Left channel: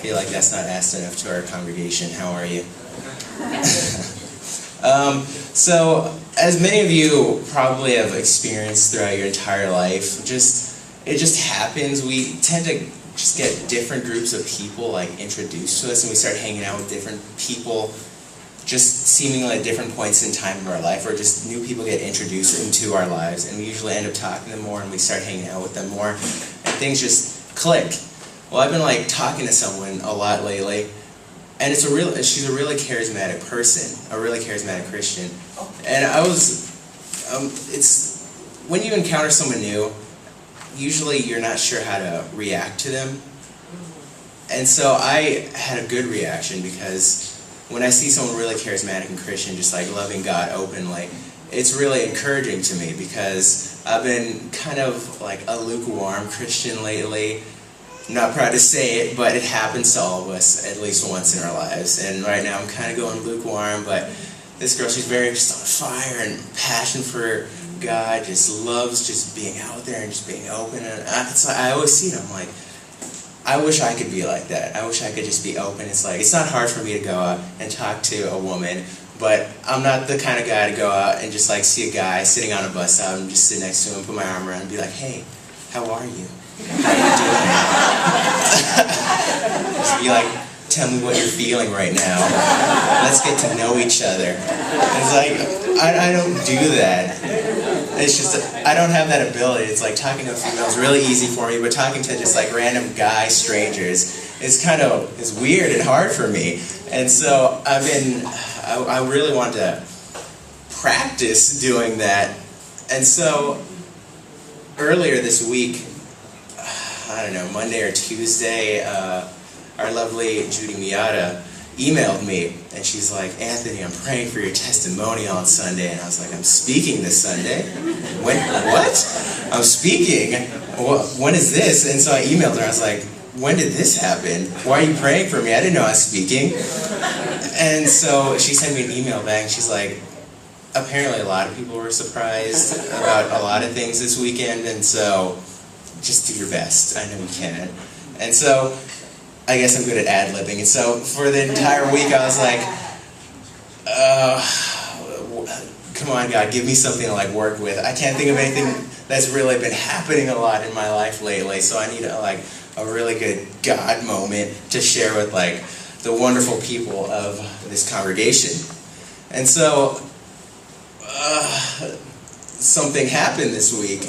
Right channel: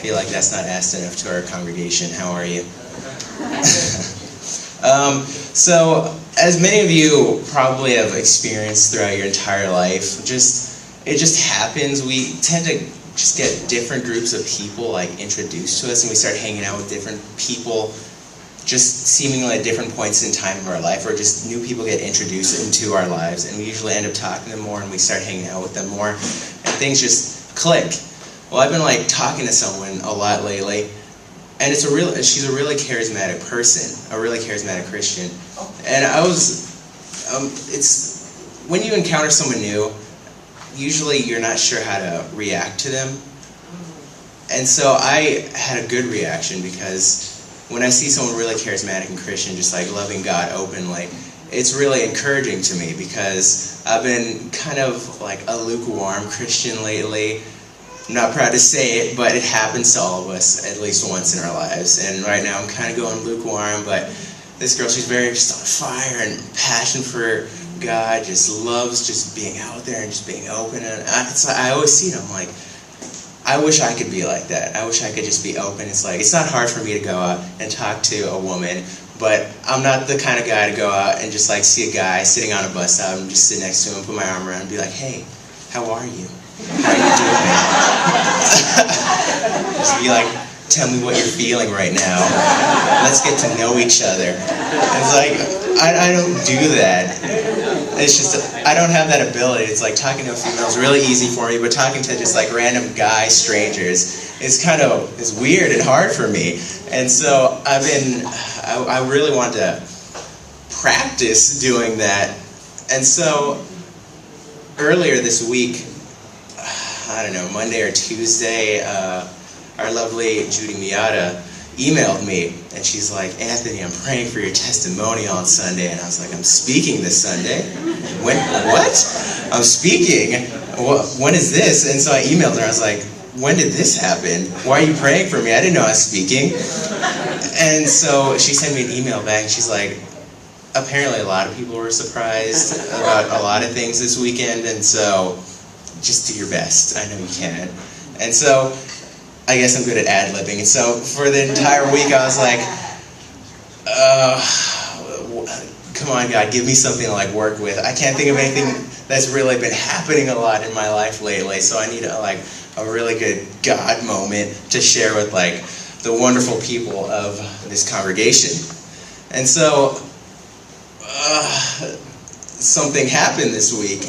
feel like that's not asked enough to our congregation. How are you? So, as many of you probably have experienced throughout your entire life, it just happens. We tend to just get different groups of people like introduced to us, and we start hanging out with different people just seemingly at different points in time of our life, or just new people get introduced into our lives, and we usually end up talking to them more, and we start hanging out with them more, and things just click. Well, I've been talking to someone a lot lately, and she's a really charismatic person, a really charismatic Christian, and it's when you encounter someone new, usually you're not sure how to react to them, and so I had a good reaction because when I see someone really charismatic and Christian, just loving God openly, it's really encouraging to me because I've been kind of a lukewarm Christian lately. I'm not proud to say it, but it happens to all of us at least once in our lives. And right now I'm kind of going lukewarm, but this girl, she's very just on fire and passion for God, just loves just being out there and just being open. And I always see it, I'm like, I wish I could be like that. I wish I could just be open. It's not hard for me to go out and talk to a woman, but I'm not the kind of guy to go out and just see a guy sitting on a bus stop and just sit next to him, put my arm around him and be like, hey, how are you? How you doing? Just be tell me what you're feeling right now. Let's get to know each other. It's I don't do that. It's just, I don't have that ability. It's talking to a female is really easy for me, but talking to just random guy strangers is weird and hard for me. And so I really want to practice doing that. And so earlier this week, I don't know, Monday or Tuesday, our lovely Judy Miata emailed me, and she's like, Anthony, I'm praying for your testimonial on Sunday. And I was like, I'm speaking this Sunday? When? What? I'm speaking? When is this? And so I emailed her. I was like, when did this happen? Why are you praying for me? I didn't know I was speaking. And so she sent me an email back, and she's like, apparently a lot of people were surprised about a lot of things this weekend, and so just do your best. I know you can. And so I guess I'm good at ad-libbing. And so for the entire week, I was like, come on, God, give me something to work with. I can't think of anything that's really been happening a lot in my life lately, so I need a really good God moment to share with the wonderful people of this congregation. And so something happened this week.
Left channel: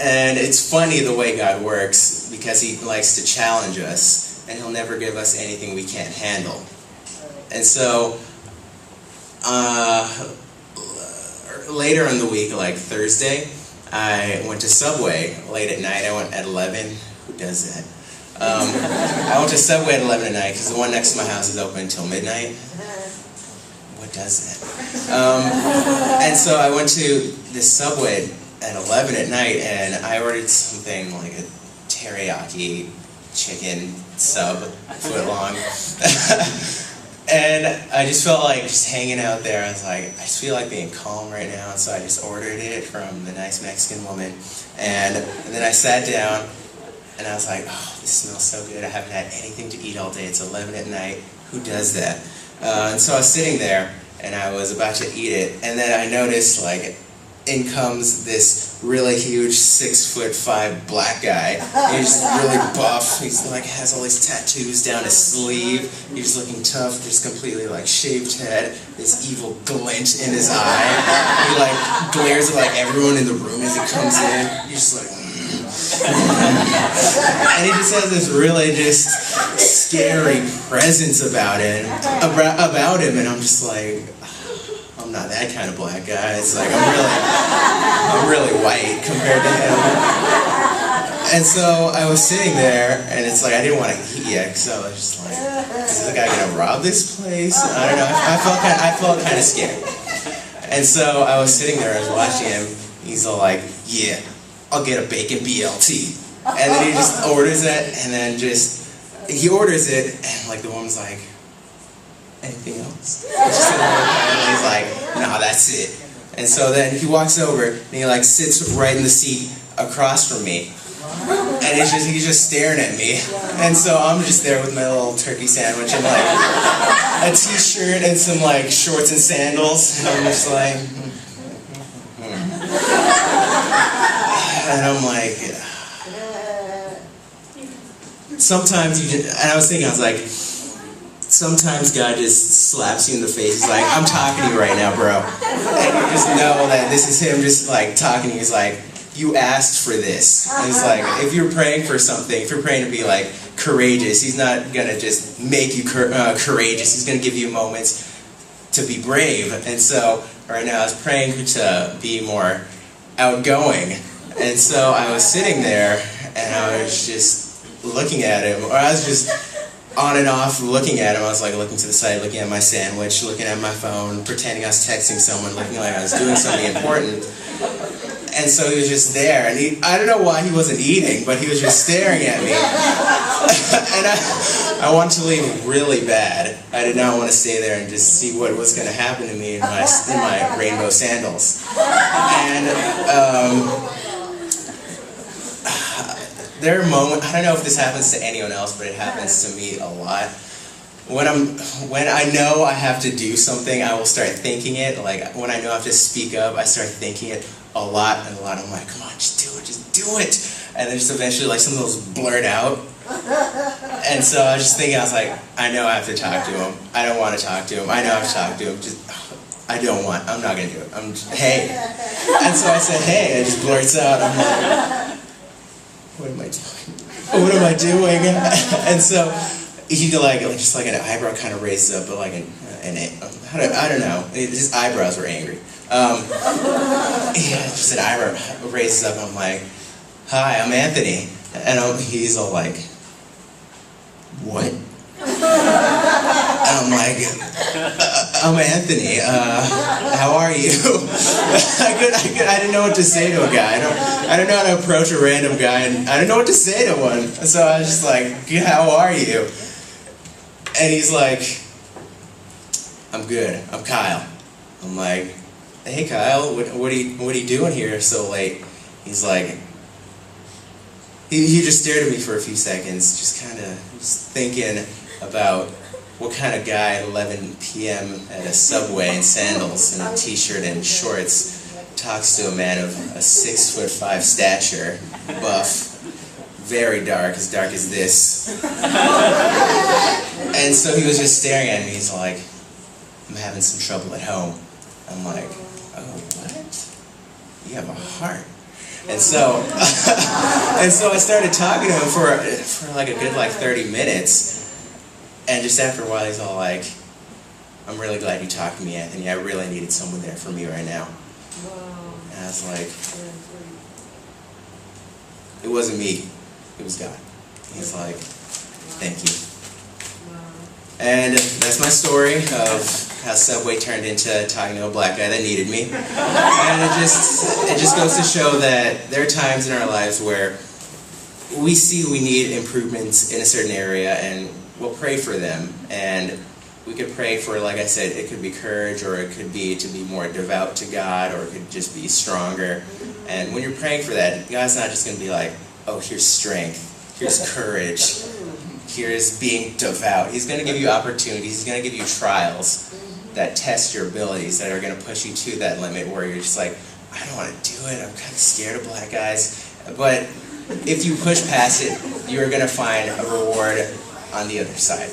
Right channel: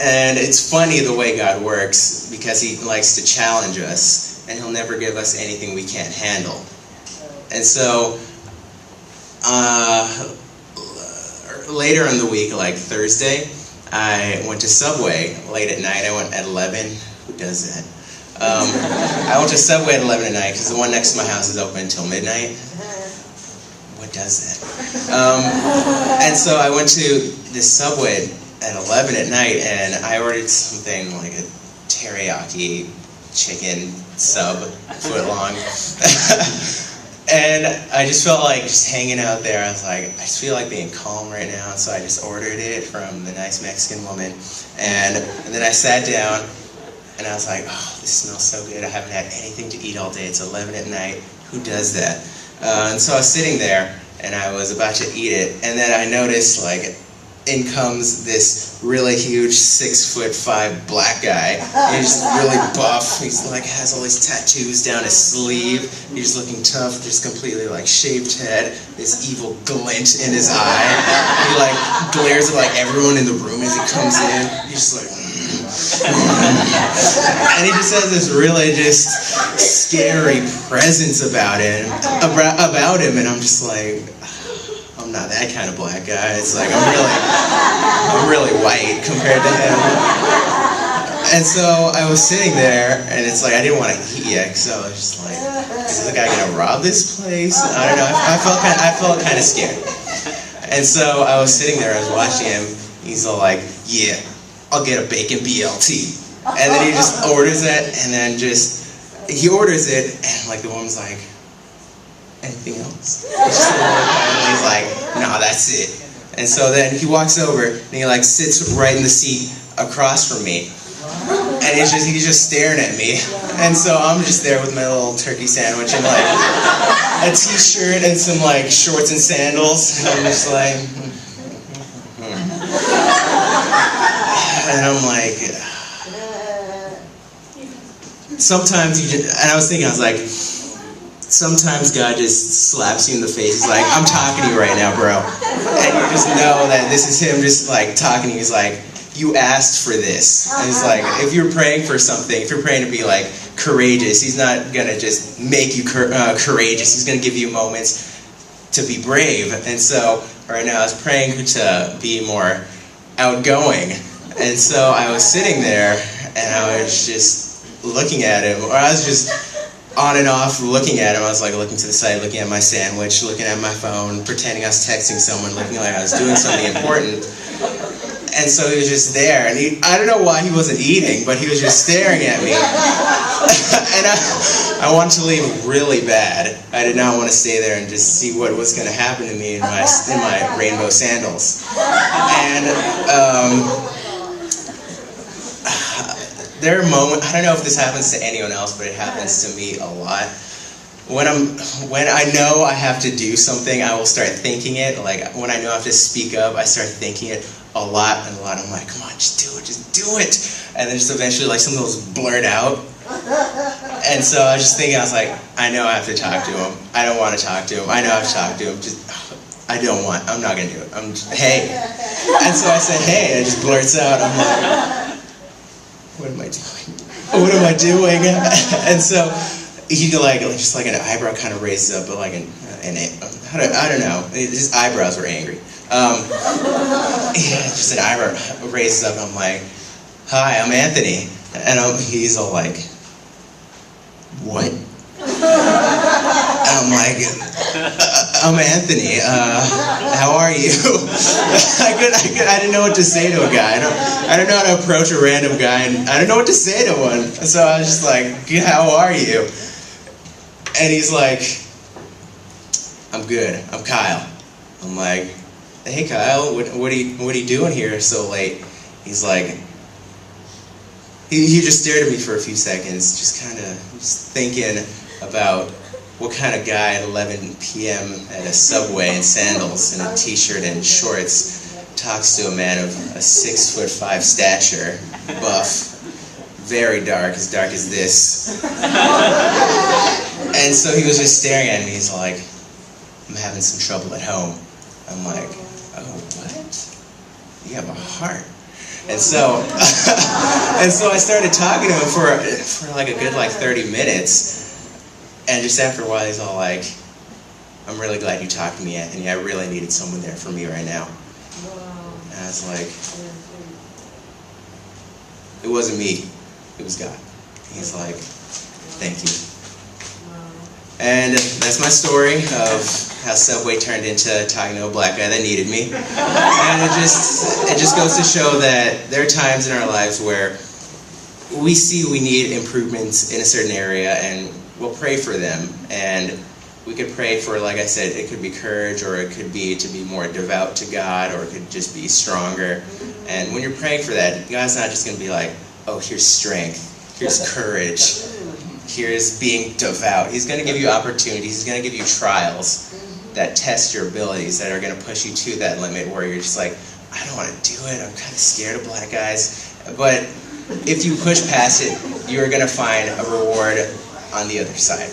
And it's funny the way God works, because He likes to challenge us, and He'll never give us anything we can't handle. And so, later in the week, Thursday, I went to Subway late at night. I went at 11. Who does that? I went to Subway at 11 at night, because the one next to my house is open until midnight. What does that? And so I went to this Subway at 11 at night, and I ordered something like a teriyaki chicken sub, foot long. And I just felt just hanging out there. I was like, I just feel like being calm right now, so I just ordered it from the nice Mexican woman. And then I sat down, and I was like, oh, this smells so good. I haven't had anything to eat all day. It's 11 at night. Who does that? And so I was sitting there, and I was about to eat it, and then I noticed, in comes this really huge 6'5" black guy. He's really buff. He's has all these tattoos down his sleeve. He's looking tough, just completely shaved head. This evil glint in his eye. He glares at everyone in the room as he comes in. He's just and he just has this really just scary presence about him, and I'm just I'm not that kind of black guy. It's I'm really white compared to him. And so I was sitting there, and it's I didn't want to eat yet, because I was just is the guy gonna rob this place? I don't know. I felt kind of scared. And so I was sitting there, I was watching him. He's all yeah, I'll get a bacon BLT. And then he just orders it, and then he orders it, and the woman's anything else? And he's no, that's it. And so then he walks over, and he sits right in the seat across from me. And And he's just staring at me. And so I'm just there with my little turkey sandwich and like a t-shirt and some like shorts and sandals. And I'm just like, and I'm like, sometimes and I was thinking, I was like, sometimes God just slaps you in the face. He's like, I'm talking to you right now, bro. And you just know that this is him just like talking to you. He's like, you asked for this. And it's like, if you're praying for something, if you're praying to be like courageous, he's not going to just make you courageous. He's going to give you moments to be brave. And so right now I was praying to be more outgoing. And so I was sitting there and I was just looking at him, or I was just on and off looking at him. I was like looking to the side, looking at my sandwich, looking at my phone, pretending I was texting someone, looking like I was doing something important. And so he was just there, and I don't know why he wasn't eating, but he was just staring at me. And I wanted to leave really bad. I did not want to stay there and just see what was going to happen to me in my rainbow sandals. And there are moments, I don't know if this happens to anyone else, but it happens to me a lot. When I know I have to do something, I will start thinking it. Like when I know I have to speak up, I start thinking it a lot. I'm like, come on, just do it. And then just eventually like some of those blurt out. And so I was just thinking, I was like, I know I have to talk to him. I don't want to talk to him. I know I have to talk to him. I'm not going to do it. Hey. And so I said, hey, and it just blurts out. I'm like, what am I doing? What am I doing? And so he just like an eyebrow kind of raises up, but like I don't know. His eyebrows were angry. Just an eyebrow raises up. I'm like, hi, I'm Anthony, and he's all like, what? And I'm like, I'm Anthony. How are you? I didn't know what to say to a guy. I don't know how to approach a random guy, and I don't know what to say to one. So I was just like, how are you? And he's like, I'm good. I'm Kyle. I'm like, hey Kyle, what are you doing here so late? He's like, he just stared at me for a few seconds, just kind of thinking about what kind of guy at 11 p.m. at a Subway in sandals and a t-shirt and shorts talks to a man of a 6'5" stature, buff, very dark as this. And so he was just staring at me. He's like, I'm having some trouble at home. I'm like, oh, what? You have a heart. And so I started talking to him for like a good 30 minutes. And just after a while, he's all like, I'm really glad you talked to me, Anthony. I really needed someone there for me right now. And I was like, it wasn't me. It was God. He's like, thank you. And that's my story of how Subway turned into talking to a black guy that needed me. And it just goes to show that there are times in our lives where we see we need improvements in a certain area, and we'll pray for them. And we could pray for, like I said, it could be courage, or it could be to be more devout to God, or it could just be stronger. And when you're praying for that, God's not just going to be like, oh, here's strength, here's courage, here's being devout. He's going to give you opportunities. He's going to give you trials that test your abilities, that are going to push you to that limit where you're just like, I don't want to do it. I'm kind of scared of black guys. But if you push past it, you're going to find a reward on the other side.